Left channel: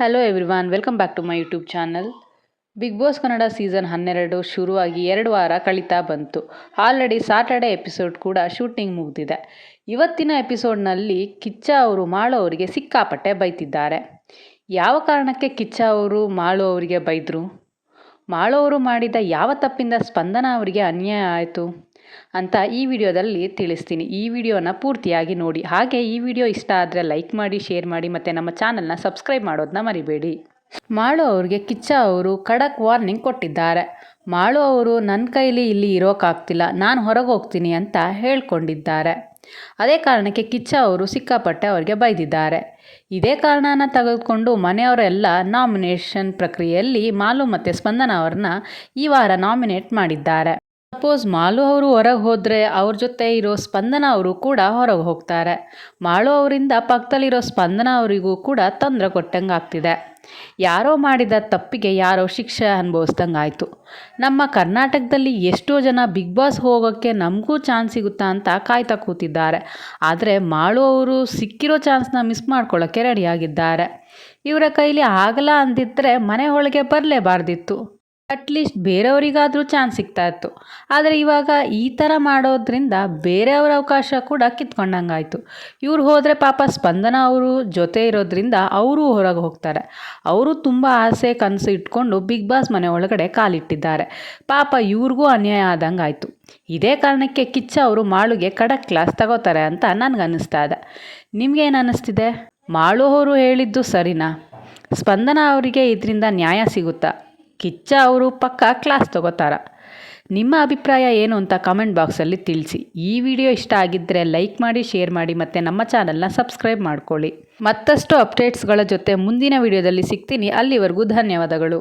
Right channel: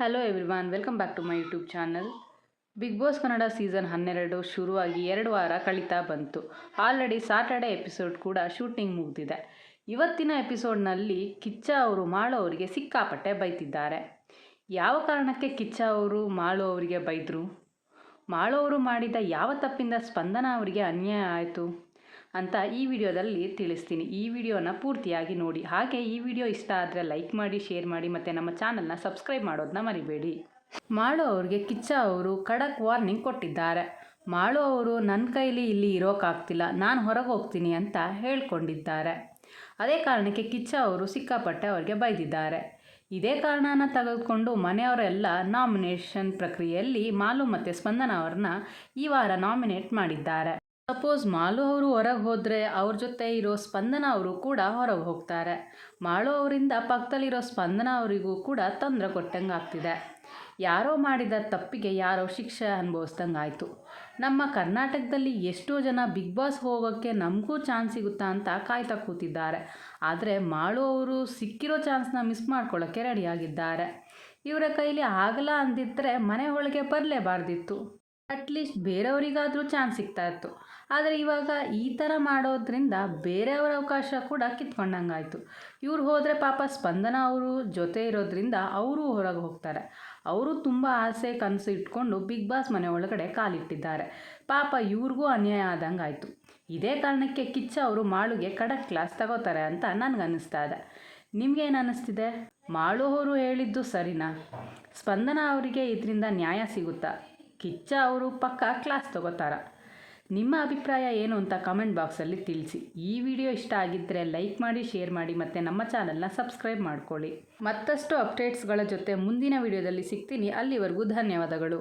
Hello everyone, welcome back to my YouTube channel. Bigg Boss Kannada season 12 ಶುರುವಾಗಿ 2 ವಾರ ಕಳೀತಾ ಬಂತು. ಆಲ್ರೆಡಿ ಸಾಟರ್ಡೆ ಎಪಿಸೋಡ್ ಕೂಡ ಶೂಟಿಂಗ್ ಮುಗಿದಿದೆ. ಇವತ್ತಿನ ಎಪಿಸೋಡ್ನಲ್ಲಿ ಕಿಚ್ಚ ಅವರು ಮಾಳು ಅವರಿಗೆ ಸಿಕ್ಕಾಪಟ್ಟೆ ಬೈತಿದ್ದಾರೆ. ಯಾವ ಕಾರಣಕ್ಕೆ ಕಿಚ್ಚ ಅವರು ಮಾಳು ಅವರಿಗೆ ಬೈದರು? ಮಾಳು ಅವರು ಮಾಡಿದ ಯಾವ ತಪ್ಪಿಂದ ಸ್ಪಂದನ ಅವರಿಗೆ ಅನ್ಯಾಯ ಆಯಿತು ಅಂತ ಈ ವಿಡಿಯೋದಲ್ಲಿ ತಿಳಿಸ್ತೀನಿ. ಈ ವಿಡಿಯೋನ ಪೂರ್ತಿಯಾಗಿ ನೋಡಿ. ಹಾಗೆ ಈ ವಿಡಿಯೋ ಇಷ್ಟ ಆದರೆ ಲೈಕ್ ಮಾಡಿ, ಶೇರ್ ಮಾಡಿ ಮತ್ತು ನಮ್ಮ ಚಾನಲ್ನ ಸಬ್ಸ್ಕ್ರೈಬ್ ಮಾಡೋದನ್ನ ಮರಿಬೇಡಿ. ಮಾಳು ಅವ್ರಿಗೆ ಕಿಚ್ಚ ಅವರು ಖಡಕ್ ವಾರ್ನಿಂಗ್ ಕೊಟ್ಟಿದ್ದಾರೆ. ಮಾಳು ಅವರು ನನ್ನ ಕೈಲಿ ಇಲ್ಲಿ ಇರೋಕ್ಕಾಗ್ತಿಲ್ಲ, ನಾನು ಹೊರಗೆ ಹೋಗ್ತೀನಿ ಅಂತ ಹೇಳ್ಕೊಂಡಿದ್ದಾರೆ. ಅದೇ ಕಾರಣಕ್ಕೆ ಕಿಚ್ಚ ಅವರು ಸಿಕ್ಕಾಪಟ್ಟೆ ಅವ್ರಿಗೆ ಬೈದಿದ್ದಾರೆ. ಇದೇ ಕಾರಣನ ತೆಗೆದುಕೊಂಡು ಮನೆಯವರೆಲ್ಲ ನಾಮಿನೇಷನ್ ಪ್ರಕ್ರಿಯೆಯಲ್ಲಿ ಮಾಲು ಮತ್ತು ಸ್ಪಂದನ ಅವ್ರನ್ನ ಈ ವಾರ ನಾಮಿನೇಟ್ ಮಾಡಿದ್ದಾರೆ. ಸಪೋಸ್ ಮಾಲು ಅವರು ಹೊರಗೆ ಹೋದರೆ ಅವ್ರ ಜೊತೆ ಇರೋ ಸ್ಪಂದನ ಅವರು ಕೂಡ ಹೊರಗೆ ಹೋಗ್ತಾರೆ. ಮಾಳು ಅವರಿಂದ ಪಕ್ಕದಲ್ಲಿರೋ ಸ್ಪಂದನ ಅವರಿಗೂ ಕೂಡ ತೊಂದರೆ ಕೊಟ್ಟಂಗೆ ಆಗ್ತಿದೆ. ಯಾರೋ ಮಾಡಿದ ತಪ್ಪಿಗೆ ಯಾರೋ ಶಿಕ್ಷೆ ಅನುಭವಿಸ್ದಂಗೆ ಆಯಿತು. ನಮ್ಮ ಕರ್ನಾಟಕದಲ್ಲಿ ಎಷ್ಟೋ ಜನ ಬಿಗ್ ಬಾಸ್ ಹೋಗೋಕ್ಕೆ ನಮಗೂ ಚಾನ್ಸ್ ಸಿಗುತ್ತಾ ಅಂತ ಕಾಯ್ತಾ ಕೂತಿದ್ದಾರೆ. ಆದರೆ ಮಾಳು ಅವರು ಸಿಕ್ಕಿರೋ ಚಾನ್ಸ್ನ ಮಿಸ್ ಮಾಡ್ಕೊಳ್ಳೋಕ್ಕೆ ರೆಡಿಯಾಗಿದ್ದಾರೆ. ಇವರ ಕೈಲಿ ಆಗಲ್ಲ ಅಂದಿದ್ದರೆ ಮನೆ ಒಳಗೆ ಬರಲೇಬಾರ್ದಿತ್ತು. ಅಟ್ಲೀಸ್ಟ್ ಬೇರೆಯವರಿಗಾದರೂ ಚಾನ್ಸ್ ಸಿಗ್ತಾಯಿತ್ತು. ಆದರೆ ಇವಾಗ ಈ ಥರ ಮಾಡೋದ್ರಿಂದ ಬೇರೆಯವರ ಅವಕಾಶ ಕೂಡ ಕಿತ್ಕೊಂಡಂಗಾಯಿತು. ಇವ್ರು ಹೋದರೆ ಪಾಪ ಸ್ಪಂದನ ಅವರು ಜೊತೆ ಇರೋದ್ರಿಂದ ಅವರೂ ಹೊರಗೆ ಹೋಗ್ತಾರೆ. ಅವರು ತುಂಬ ಆಸೆ ಕನಸು ಇಟ್ಕೊಂಡು ಬಿಗ್ ಬಾಸ್ ಮನೆ ಒಳಗಡೆ ಕಾಲಿಟ್ಟಿದ್ದಾರೆ. ಪಾಪ ಇವ್ರಿಗೂ ಅನ್ಯಾಯ ಆದಂಗೆ ಆಯಿತು. ಇದೇ ಕಾರಣಕ್ಕೆ ಕಿಚ್ಚ ಅವರು ಮಾಳುಗೆ ಖಡಕ್ ಕ್ಲಾಸ್ ತಗೋತಾರೆ ಅಂತ ನನಗನ್ನಿಸ್ತಾ ಇದೆ. ನಿಮಗೇನು ಅನ್ನಿಸ್ತಿದೆ? ಮಾಳು ಅವರು ಹೇಳಿದ್ದು ಸರಿನಾ? ಸ್ಪಂದನ ಅವರಿಗೆ ಇದರಿಂದ ನ್ಯಾಯ ಸಿಗುತ್ತಾ? ಕಿಚ್ಚ ಅವರು ಪಕ್ಕ ಕ್ಲಾಸ್ ತಗೋತಾರ? ನಿಮ್ಮ ಅಭಿಪ್ರಾಯ ಏನು ಅಂತ ಕಮೆಂಟ್ ಬಾಕ್ಸಲ್ಲಿ ತಿಳಿಸಿ. ಈ ವಿಡಿಯೋ ಇಷ್ಟ ಆಗಿದ್ದರೆ ಲೈಕ್ ಮಾಡಿ, ಶೇರ್ ಮಾಡಿ ಮತ್ತು ನಮ್ಮ ಚಾನಲ್ನ ಸಬ್ಸ್ಕ್ರೈಬ್ ಮಾಡ್ಕೊಳ್ಳಿ. ಮತ್ತಷ್ಟು ಅಪ್ಡೇಟ್ಸ್ಗಳ ಜೊತೆ ಮುಂದಿನ ವಿಡಿಯೋದಲ್ಲಿ ಸಿಗ್ತೀನಿ. ಅಲ್ಲಿವರೆಗೂ ಧನ್ಯವಾದಗಳು.